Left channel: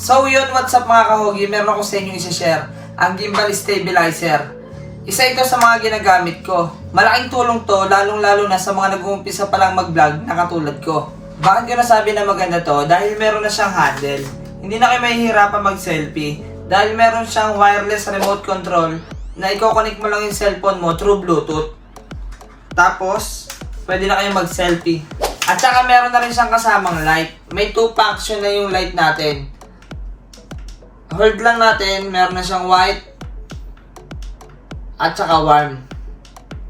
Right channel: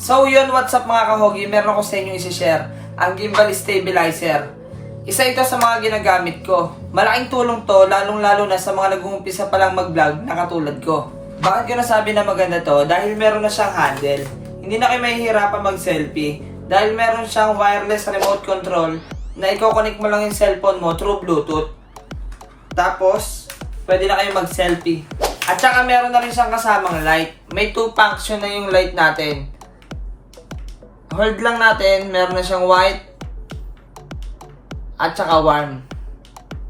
So yun, what's up mga kahogi, meron ako sa inyo isi-share, ang gimbal stabilizer. Isa ito sa mga ginagamit ko. Malaking tulong to, lalong-lalo na sa mga nag-uumpisa pa lang mag-vlog na katulad ko. Bakit ko nasabi na maganda to? Dahil meron na siyang handle. Hindi na kayo mahihirapan mag-selfie. Dahil meron siyang wireless remote control na i-connect mo lang yung cellphone mo through Bluetooth. Tapos, pwede na kayo mag-selfie. At saka meron na rin siyang kasamang light. May 2 function na yung light natin. Hold lang natin, meron na siyang white at saka warm.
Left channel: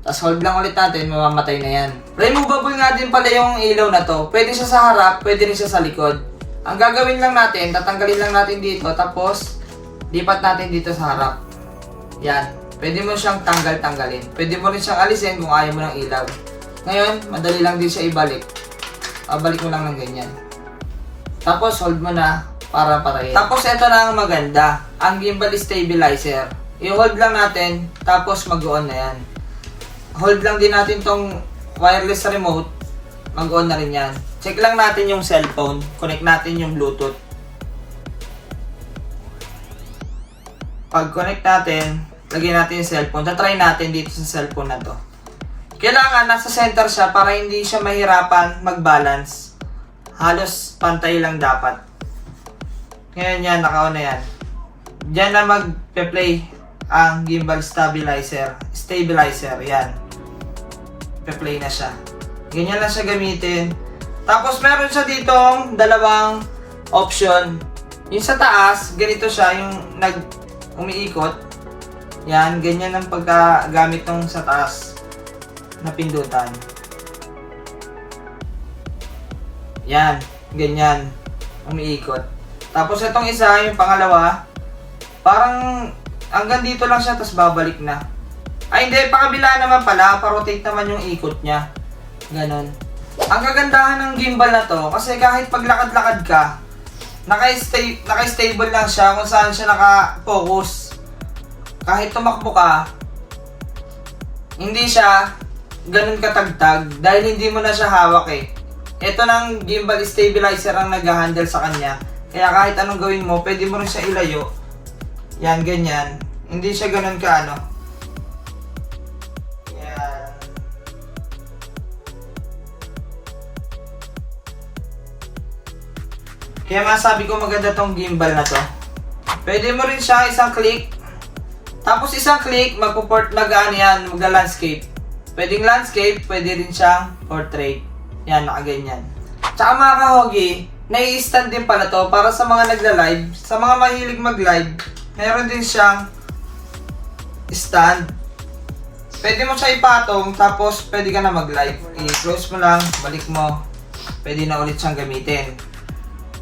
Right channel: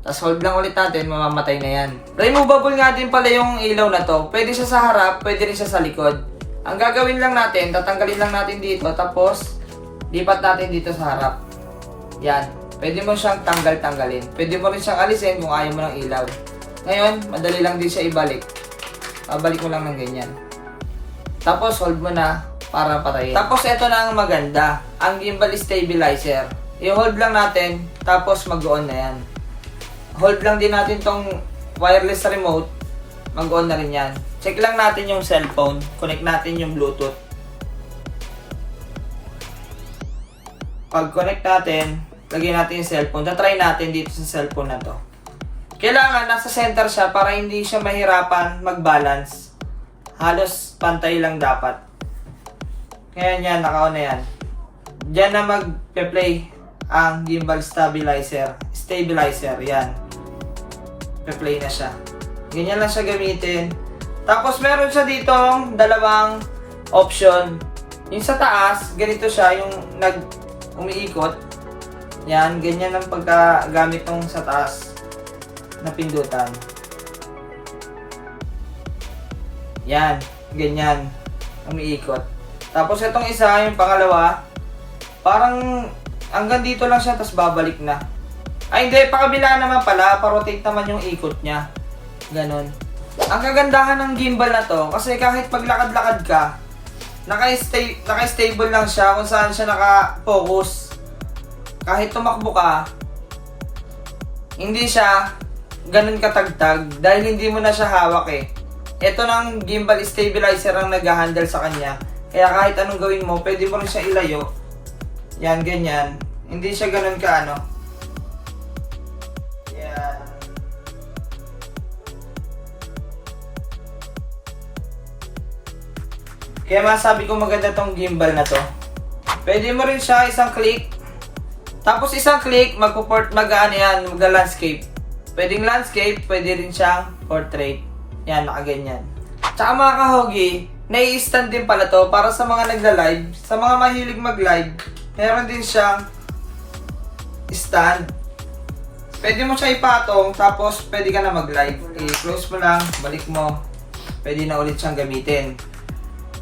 Tapos hold lang ulit natin, mamamatay na yan. Removable nga din pala yung ilaw na to. Pwede siya sa harap, pwede rin siya sa likod. Ang gagawin lang natin, tatanggalin lang natin dito, tapos lipat natin dito sa harap. Yan. Pwede mo siyang tanggalin. Pwede mo rin siyang alisin kung ayaw mo ng ilaw. Ngayon, madali lang din siya ibalik. Balik mo lang ng ganyan. Tapos hold mo na para patayin. Tapos ito na ang maganda, ang gimbal stabilizer. I-hold lang natin, tapos mag-on na yan. Hold lang din natin tong wireless remote, mag-on na rin yan. Check lang natin yung cellphone, connect natin yung Bluetooth. Pag-connect natin, lagyan natin yung cellphone. Tatry natin dito sa cellphone na to. Kailangan nasa center siya para hindi siya mahirapan mag-balance. Halos pantay lang dapat. Ngayon yan, naka-on na yan. Diyan na mag-play ang gimbal stabilizer. Yan. Pe-play na siya. Ganyan lang siya gamitin. Tapos meron siya ditong dalawang option. Yung sa taas, ganito siya, yung umiikot. Yan, ganyan ang pagkagamit ng sa taas na pindutan. Yan, ganyan. Umiikot. Tapos itong isa, yung pangalawa, parang hanggang dito lang siya, tapos babalik na. Ay hindi, pakabila naman pala, pa-rotate naman yung ikot niya. Ganon. Ang kagandahan ng gimbal na to, kasi kahit paglakad-lakad ka, naka-stable lang siya kung saan siya naka-focus. Kahit tumakbo ka, hindi siya ganun katagtag dahil hindi mo na siya hawak eh. Ito ng gimbal stabilizer ang nag-handle sa kanya. Kaya kahit anong gawin mo, pwede mo rin siya ilayo. Yan, ganyan. Hindi siya ganun kaano. Yan. Kaya masabi ko maganda tong gimbal na to. Pwede mo rin siya isang click. Tapos isang click, magla-landscape. Pwedeng landscape, pwede rin siyang portrait. Yan, nakaganyan. Tsaka mga kahogi, nai-stand din pala to para sa mga nagla-live. Sa mga mahilig mag-live, meron din siyang stand. Pwede mo siya ipatong, tapos pwede ka na mag-live. I-close mo lang, balik mo. Pwede na ulit siyang gamitin.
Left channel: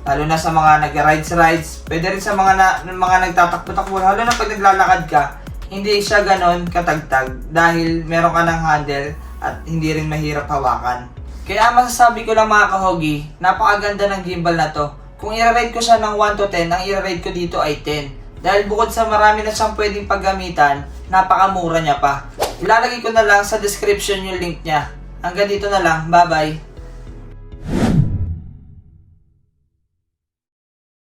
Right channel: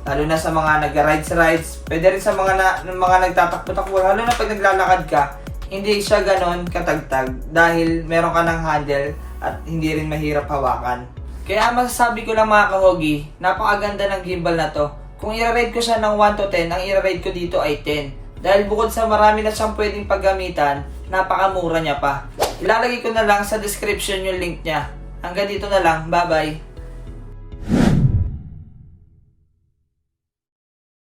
Lalo na sa mga nag-rides. Pwede rin sa mga nagtatakbo-takbo. Lalo na pag naglalakad ka, hindi siya ganon katagtag. Dahil meron ka ng handle at hindi rin mahirap hawakan. Kaya masasabi ko lang mga kahogi, napakaganda ng gimbal na to. Kung i-rate ko siya ng 1 to 10, ang i-rate ko dito ay 10. Dahil bukod sa marami na siyang pwedeng paggamitan, napakamura niya pa. Ilalagay ko na lang sa description yung link niya. Hanggang dito na lang, bye bye!